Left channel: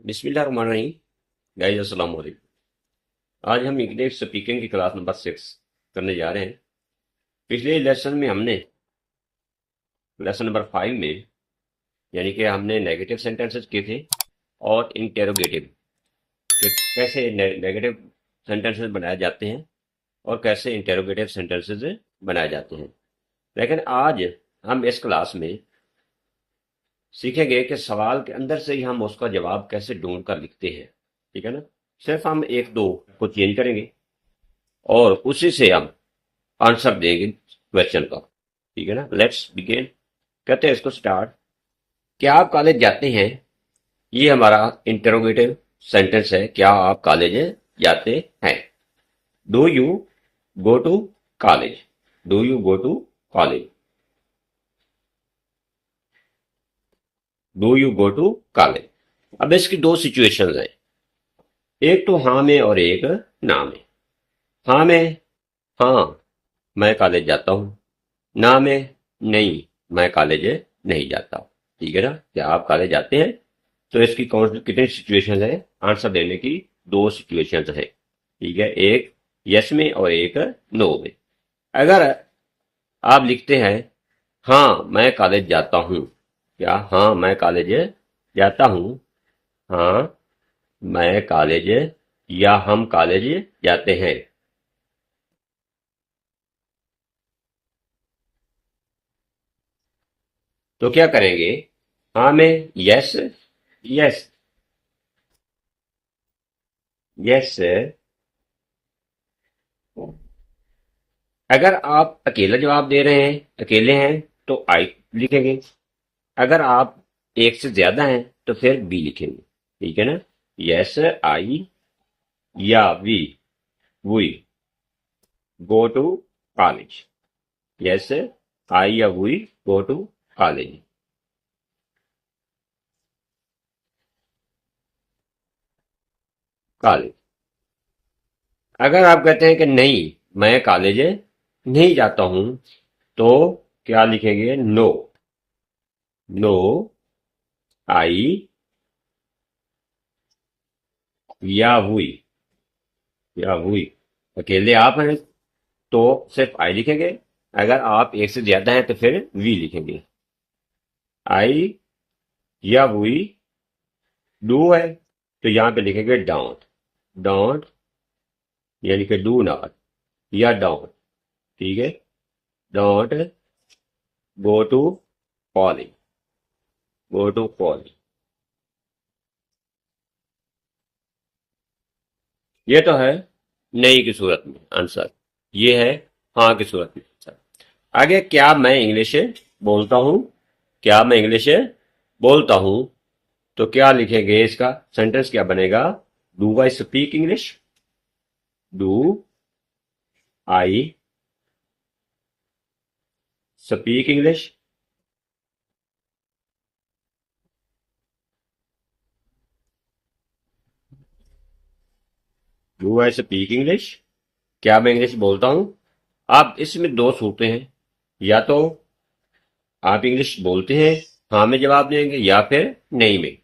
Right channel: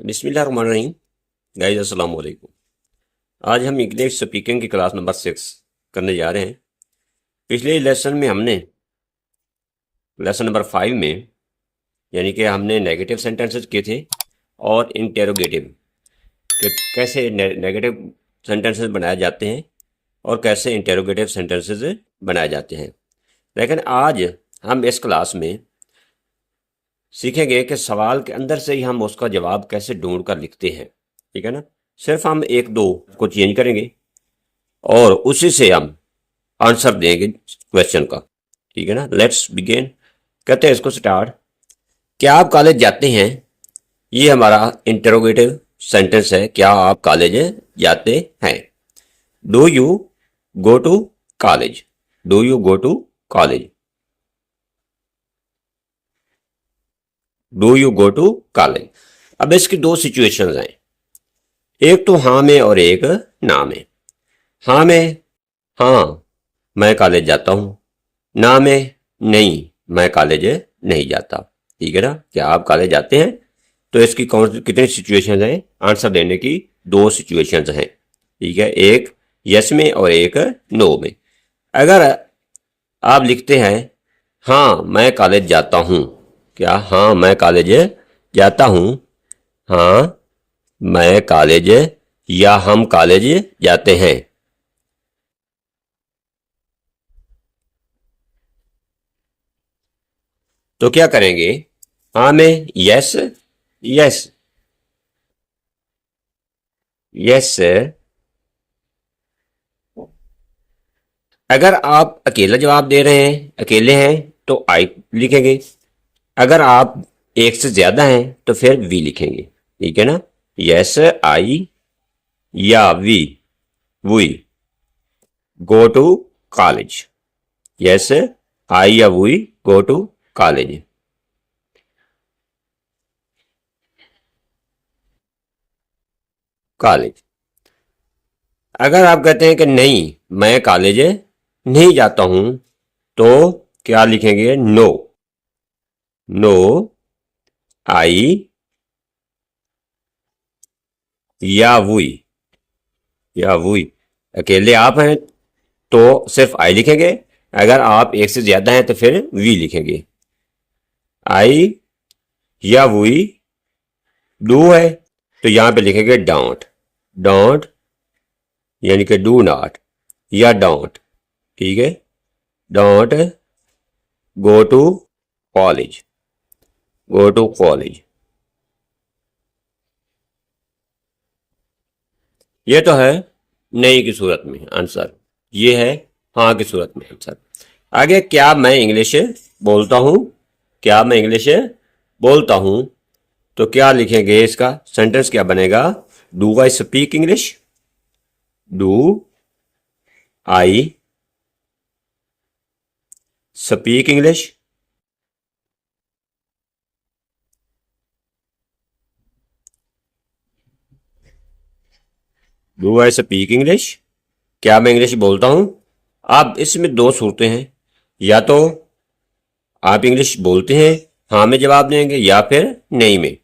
बिस्मिल्लाहिर्रहमानिर्रहीम। गाइस अस्सलाम वालेकुम। आज हम इंग्लिश स्पीकिंग की क्लास नंबर 6 करने जा रहे हैं। पिछले लेसन में हमने लेसन नंबर 5 में यानी कि हमने नेगेटिव सेंटेंसेस किए थे और इंटेरोगेटिव कि कैसे नेगेटिव सेंटेंसेस बनाए जाते हैं और कैसे इंटेरोगेटिव सेंटेंसेस बनाए जाते हैं। लेकिन आज हम इस क्लास में सीखेंगे कि सवाल के अंदर से ही हम उसका जवाब कैसे ढूंढ कर लिखते हैं। ठीक है ना। सिर्फ हम एक दो को चेंज करेंगे और उसी से हम आंसर देंगे क्वेश्चन का। ठीक है ना। Let's begin. कहते हैं इसको स्टार्ट। क्या आप कॉलेज जाते हैं? ये हमारा इंटरोगेटिव सेंटेंस है। क्या आप कॉलेज जाते हैं? Do you go to college? Do you go to college? Do you go to college? अब इसकी दो सिचुएशंस हैं, एक तो हाँ में और एक ना में। हाँ में, हाँ मैं कॉलेज जाता हूँ। ना में, नहीं मैं कॉलेज नहीं जाता। ठीक है ना। क्या आप कॉलेज जाते हैं? तो इसकी कितनी सिचुएशन है? आंसर देने की दो सिचुएशंस हैं। ठीक है, एक यस में और एक नो में। अगर आप लिखते हैं हाँ मैं कॉलेज जाता हूँ, क्या हाँ मैं कॉलेज जाता हूँ, हाँ मैं कॉलेज या हम कॉलेज जाते हैं, तो क्या करेंगे? हाँ में यस, यस, यस। अगर आप अकेला जवाब दे रहे हैं, अकेले हैं, तो आई लिखेंगे। अगर आप एक से ज्यादा हैं तो फिर वी लिखेंगे। ठीक है ना। यस आई या we go to college. Yes I या we go to college. College. अगर आप कहते हैं कि नहीं मैं कॉलेज नहीं जाता हूं, तो क्या लिखेंगे? नो, नो आई या वी, या वी। अकेले आप हैं तो सिर्फ आई लिखेंगे। अगर आप एक से ज्यादा हैं तो फिर वी लिखेंगे। आई या वी डू है तो यहां पे लिखेंगे डोंट। डोंट यानी कि डू नॉट या डोंट। ठीक है। Don't go to college, go to college. ये तो है नहीं की सूरत में आंसर, ये है हाँ की सूरत में आंसर। आगे, क्या मैं इंग्लिश बोलता हूं? क्या मैं इंग्लिश बोलता हूं, तो क्या लिखेंगे? इसका सेंटेंस क्या बनेगा? Do I speak English? Do I speak English? Do I speak English? क्या मैं इंग्लिश बोलता हूं? आप इसमें दो सूरतें हैं, या तो आप इंग्लिश बोलते हैं, हाँ में जवाब देंगे, या फिर नहीं में।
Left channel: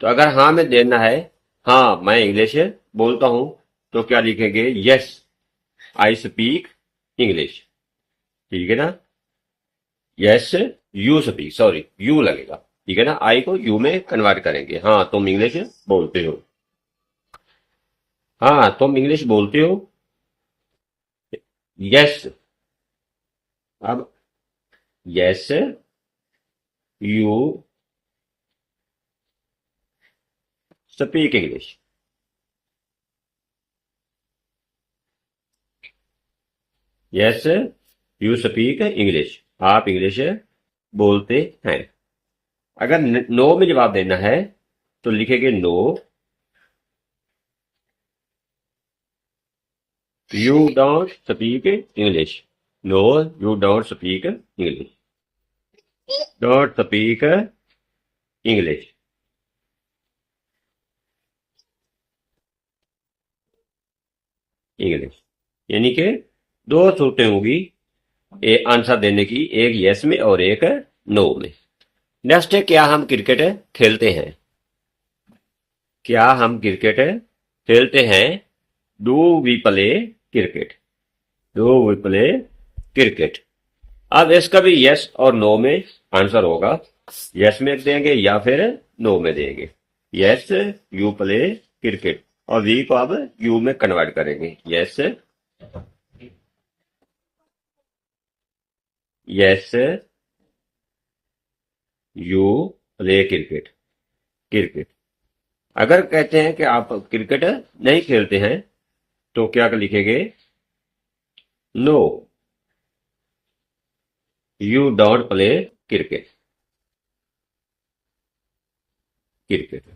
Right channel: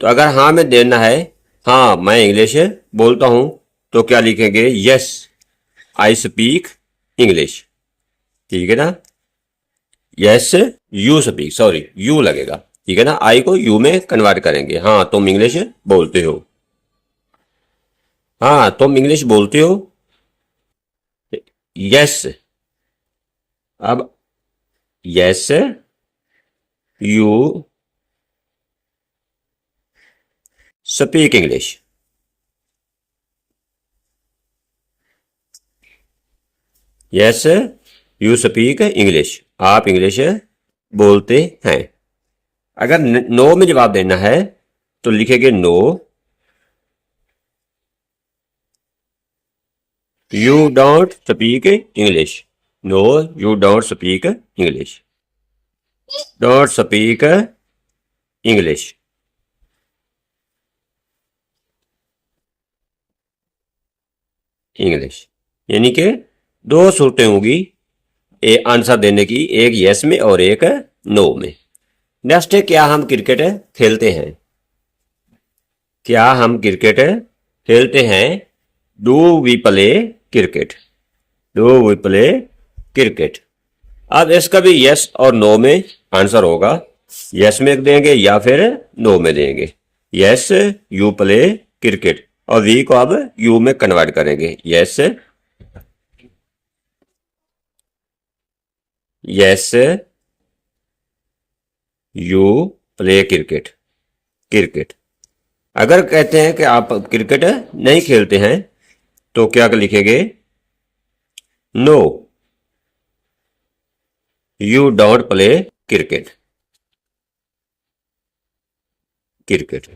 तो अगर हाँ में देना है, हाँ मैं इंग्लिश बोलता हूं, तो क्या लिखेंगे? Yes I speak English. ठीक है ना। Yes you speak, sorry you लगेगा। ठीक है ना। आई को यू में कन्वर्ट करेंगे। हाँ तुम इंग्लिश बोलते हो, हाँ तुम इंग्लिश बोलते हो। यस। अब yes you speak English. Yes you speak English, आप इंग्लिश बोलते हैं। अगर नो में जवाब देना है तो लिखेंगे no you don't speak English. No you don't speak English, don't speak English. English यानी कि दो सूरतें होगी आंसर देने की, एक यस में और एक नो में। नेक्स्ट है, क्या हम क्रिकेट खेलते हैं? क्या हम क्रिकेट खेलते हैं? Do we play cricket? Do we play cricket? अब इसका भी यस और नो में आंसर होगा। यस में देंगे या फिर नो में देंगे। यस यू प्ले क्रिकेट, और वी को अब यू में कन्वर्ट करेंगे। Yes yes you play cricket. Cricket. अगर कहते हैं कि आप क्रिकेट नहीं खेलते हैं तो क्या लिखेंगे? No you don't play cricket. Cricket.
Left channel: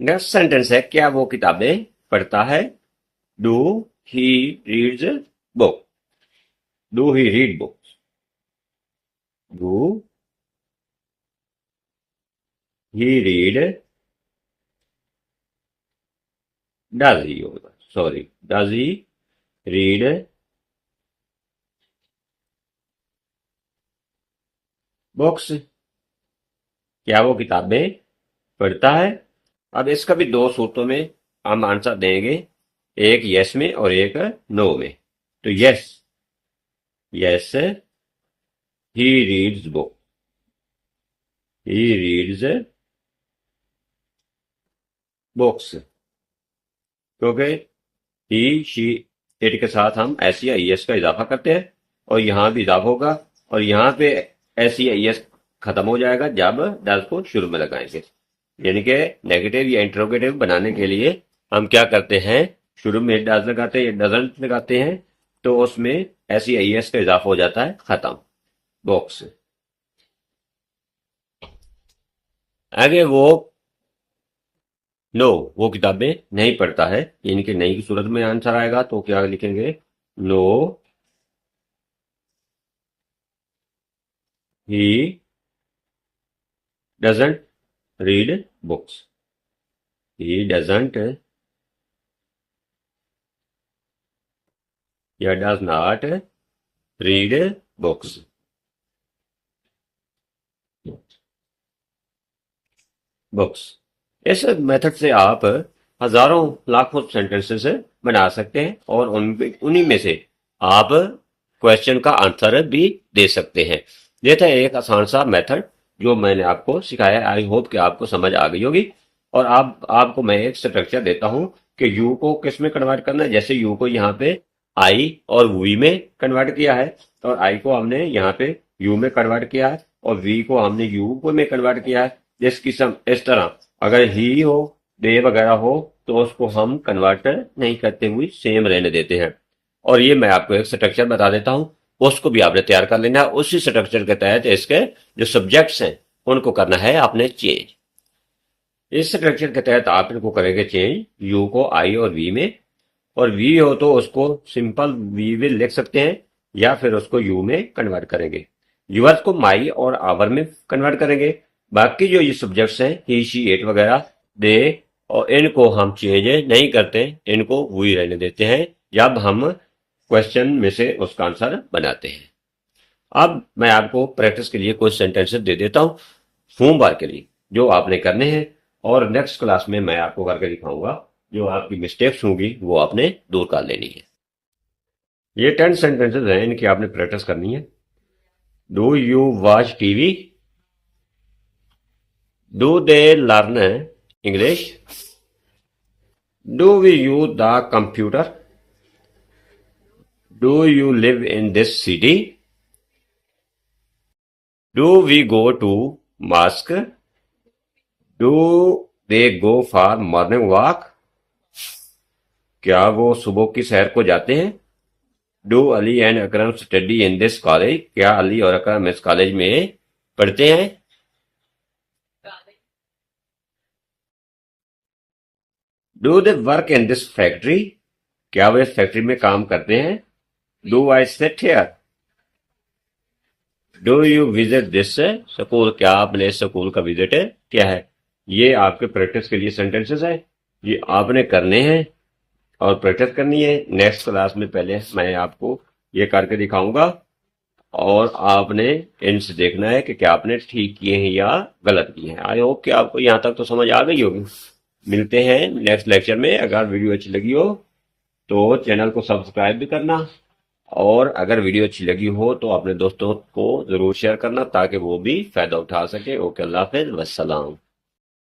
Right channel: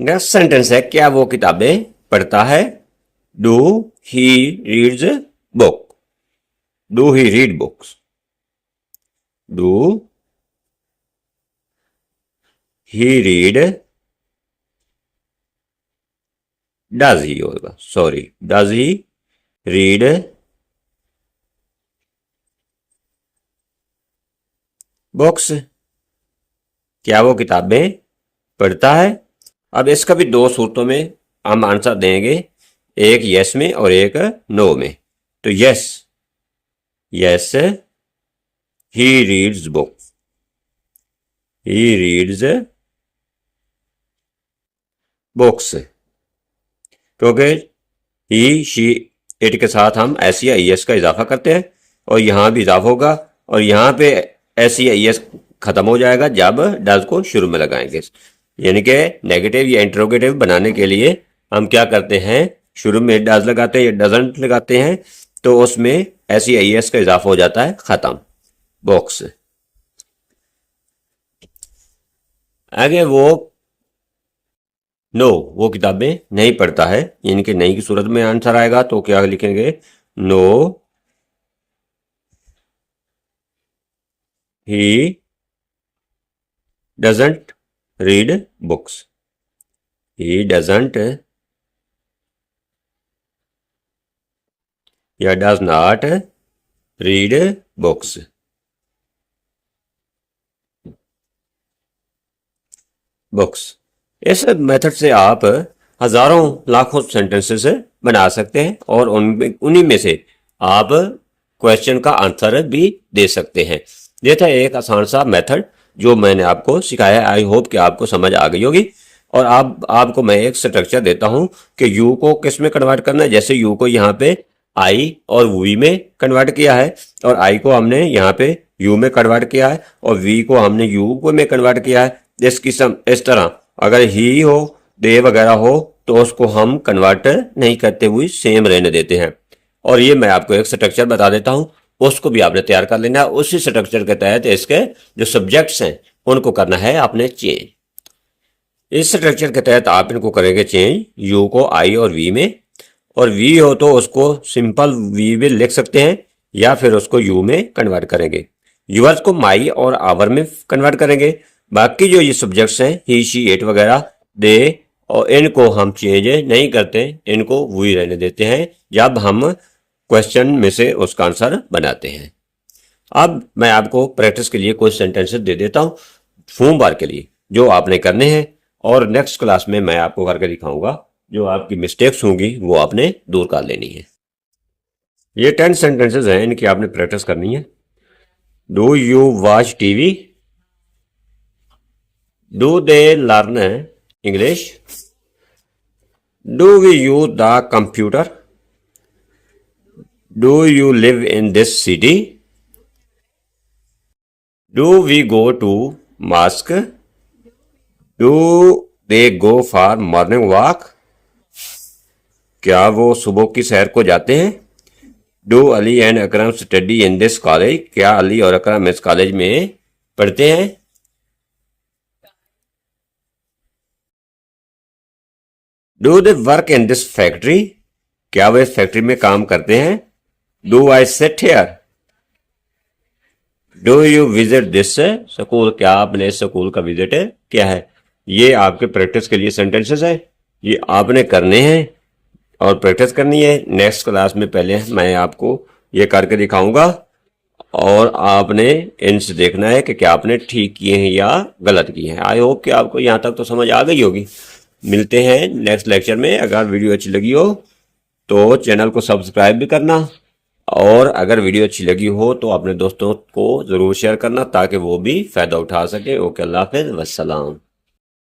Next sentence है, क्या वो किताबें पढ़ता है? Do he reads book? Do he read books? Do he read, does he होगा, sorry, does he read books? क्या वो किताबें पढ़ता है? अब इसका भी दो सूरतों में हम आंसर देंगे, एक यस में और एक नो में। तो yes, yes he reads books. He reads books, क्योंकि ही शी इट के साथ हम एस या एस का इजाफा करते हैं, और यहां भी इजाफा होगा, और यहां पे एस या एस खत्म हो जाएगा जब डज को शुरू में लगाएंगे। यानी कि नेगेटिव या इंटरोगेटिव बनाने के लिए हम क्या करते हैं, शुरू में डज लगाते हैं या डजंट लगाते हैं, तो उसमें एस या एस का इजाफा हो जाता है, खत्म। बॉक्स। आगे वो किताबें नहीं पढ़ता है, यानी कि नहीं की सूरत में आंसर आएगा, तो क्या लिखेंगे? No he doesn't read books. He doesn't या does not read books. Books. इस मेथड से आप हजारों लाखों सेंटेंसेस बना सकते हैं, और उन्हीं में से आप क्वेश्चन का आंसर भी दे सकते हैं। ये था एक आसान सा मेथड जो मैंने आपको सिखाया। आई होप कि आपको समझ आ गई होगी। और आपको मैं एक स्ट्रक्चर देता हूं कि यू को किस में कन्वर्ट करना है। जैसे यू को यहाँ पे आई और वी में कन्वर्ट किया है, और आई को हमने यहाँ पे यू में कन्वर्ट किया है, और वी को हमने यू को में कन्वर्ट किया है। इस किस्म, इस तरह अगर ही हो, दे वगैरह हो, तो उसको हम कन्वर्ट नहीं करते हुए सेम रहने देते हैं। और ये मैं आपको एक स्ट्रक्चर बता देता हूं, उसको भी आपने तैयार कर लेना है। उसी स्ट्रक्चर के तहत इसके जो सब्जेक्ट्स हैं उनको करना है आपने चेंज। इस स्ट्रक्चर के तहत आप इनको करेंगे चेंज, यू को आई और वी में, और वी हो तो उसको सिंपल वी में लिख सकते हैं, या फिर उसको यू में कन्वर्ट करेंगे। यूवर्स को माई और आवर में कन्वर्ट करेंगे। बाकी जो ये सब्जेक्ट्स हैं, ही शी इट वगैरह, दे, और इनको हम चेंज नहीं करते, इनको वही रहने देते हैं जब हम क्वेश्चन में से उसका आंसर बनाते हैं। अब मैं आपको प्रैक्टिस के लिए कुछ सेंटेंसेस दे देता हूं सोमवार के लिए, जो आपने करने हैं, और नेक्स्ट क्लास में मैं आपको करके दिखाऊंगा। जो आपकी मिस्टेक्स होंगी वो आपने दूर कर लेनी है। ये 10 सेंटेंसेस हैं, इनकी आपने प्रैक्टिस करनी है। Do you watch TV? Do they learn English? Do we use the computer? Do you live in this city? Do we go to mosque? Do they go for morning walk? क्या वो सुबह की सैर को जाते हैं? Do Ali and Akram study in this college? क्या अली और अकरम इस कॉलेज में पढ़ते हैं? Do they work in this factory? क्या वे इस फैक्ट्री में काम करते हैं? Do I sit here? Do you visit this school? क्या आपने इस स्कूल का विजिट किया है? ये आपके प्रैक्टिस के लिए सेंटेंसेस है, ये आपने करने हैं और प्रैक्टिस करनी है। नेक्स्ट क्लास में पहले मैं आपको ये करके दिखाऊंगा, और आपने इनसे देखना है कि क्या आपने ठीक किए हैं या गलत किए हैं। आई होप कि आपको यहाँ तक तो समझ आ गई होगी। मिलते हैं नेक्स्ट लेक्चर में। अगर वीडियो अच्छी लगी हो तो चैनल को सब्सक्राइब भी करना, और अगर वीडियो अच्छी लगी हो तो अपने दोस्तों को ज़रूर शेयर करना ताकि वो भी फ़ायदा उठा सके। ओके, अल्लाह हाफ़िज़, वस्सलाम।